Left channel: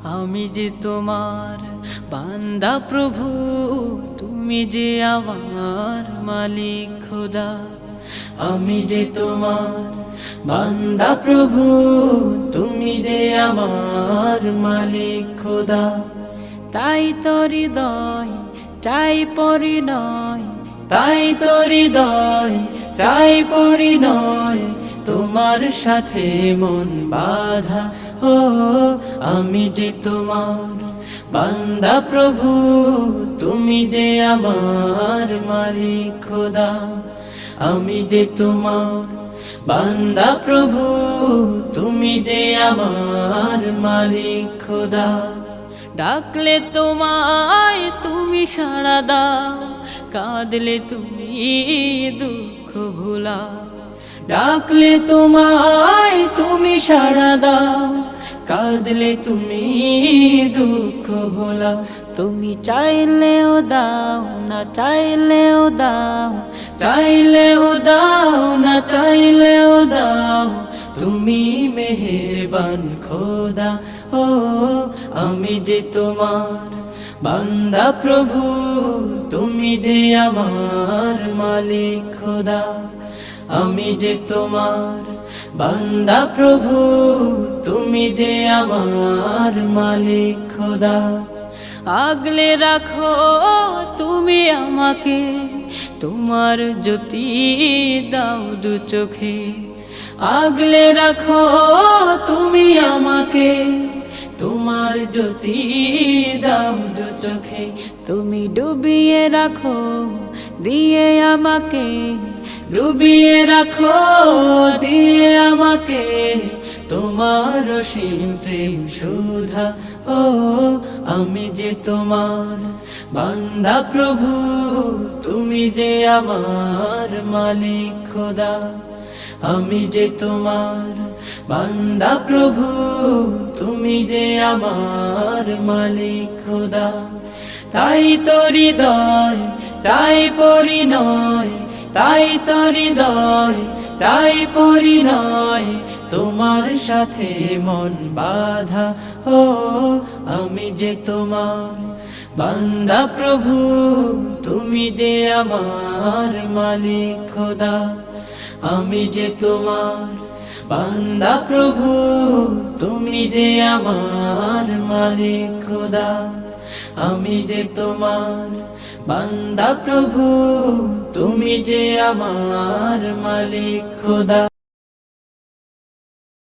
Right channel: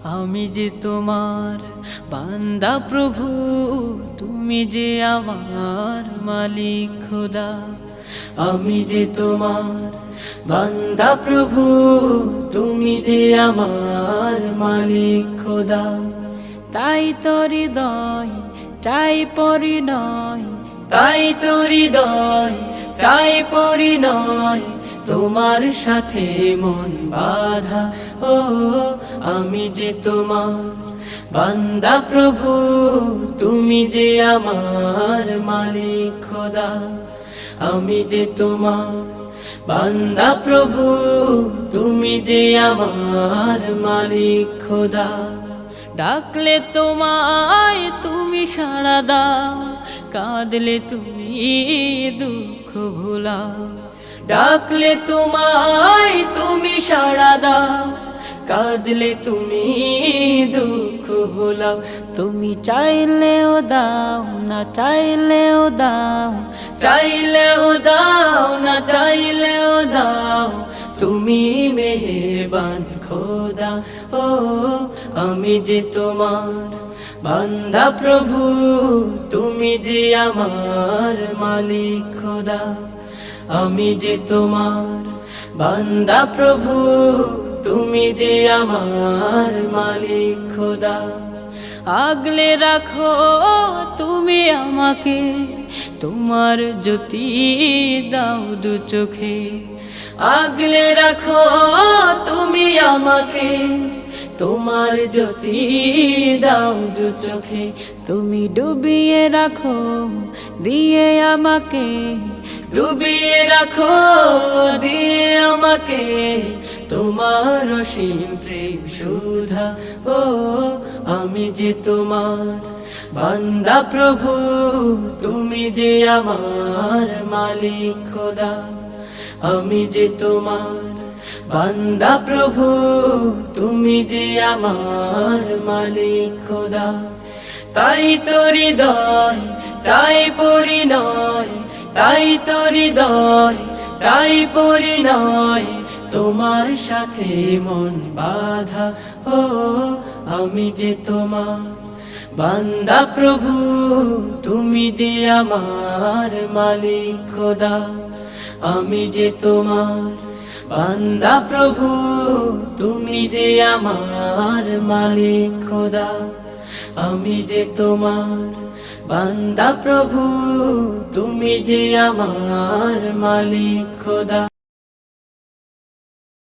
আমি যে তোমার বান্দা প্রভু, তুমি যে আমার মালিক খোদা। আমি যে তোমার বান্দা প্রভু, তুমি যে আমার মালিক খোদা। তাই তো হৃদয় চাই পরিণয়, তাই তো হৃদয় চাই পরিণয়, তোমার সাথে মন বাঁধা। ও আমি যে তোমার বান্দা প্রভু, তুমি যে আমার মালিক খোদা। আমি যে তোমার বান্দা প্রভু, তুমি যে আমার মালিক খোদা। ডাকলে তোমায় তুমি সাড়া দাও, কাঁদলে তুমি দুঃখ ভুলাও। ডাকলে তোমায় তুমি সাড়া দাও, কাঁদলে তুমি দুঃখ ভোলাও। তুমি চাইলেও দাও না চাইলেও দাও, চাইলেও দাও না চাইলেও দাও, তুমি মেহেরবান খোদা। ও আমি যে তোমার বান্দা প্রভু, তুমি যে আমার মালিক খোদা। আমি যে তোমার বান্দা প্রভু, তুমি যে আমার মালিক খোদা। আগলে রাখো তুমি আমাকে, তোমার জ্যোতি দাও দু চোখে। আগলে রাখো তুমি আমাকে, তোমার জ্যোতি দাও দু চোখে। তুমি ডুবিয়ে রাখো দিয়ে আমাকে, ডুবিয়ে রাখো দিয়ে আমাকে, তোমার অসীম প্রেম সুধা। ও আমি যে তোমার বান্দা প্রভু, তুমি যে আমার মালিক খোদা। আমি যে তোমার বান্দা প্রভু, তুমি যে আমার মালিক খোদা। তাই তো হৃদয় চাই পরিণয়, তাই তো হৃদয় চাই পরিণয়, তোমার সাথে মন বাঁধা। ও আমি যে তোমার বান্দা প্রভু, তুমি যে আমার মালিক খোদা। আমি যে তোমার বান্দা প্রভু, তুমি যে আমার মালিক খোদা। আমি যে তোমার বান্দা প্রভু, তুমি যে আমার মালিক খোদা।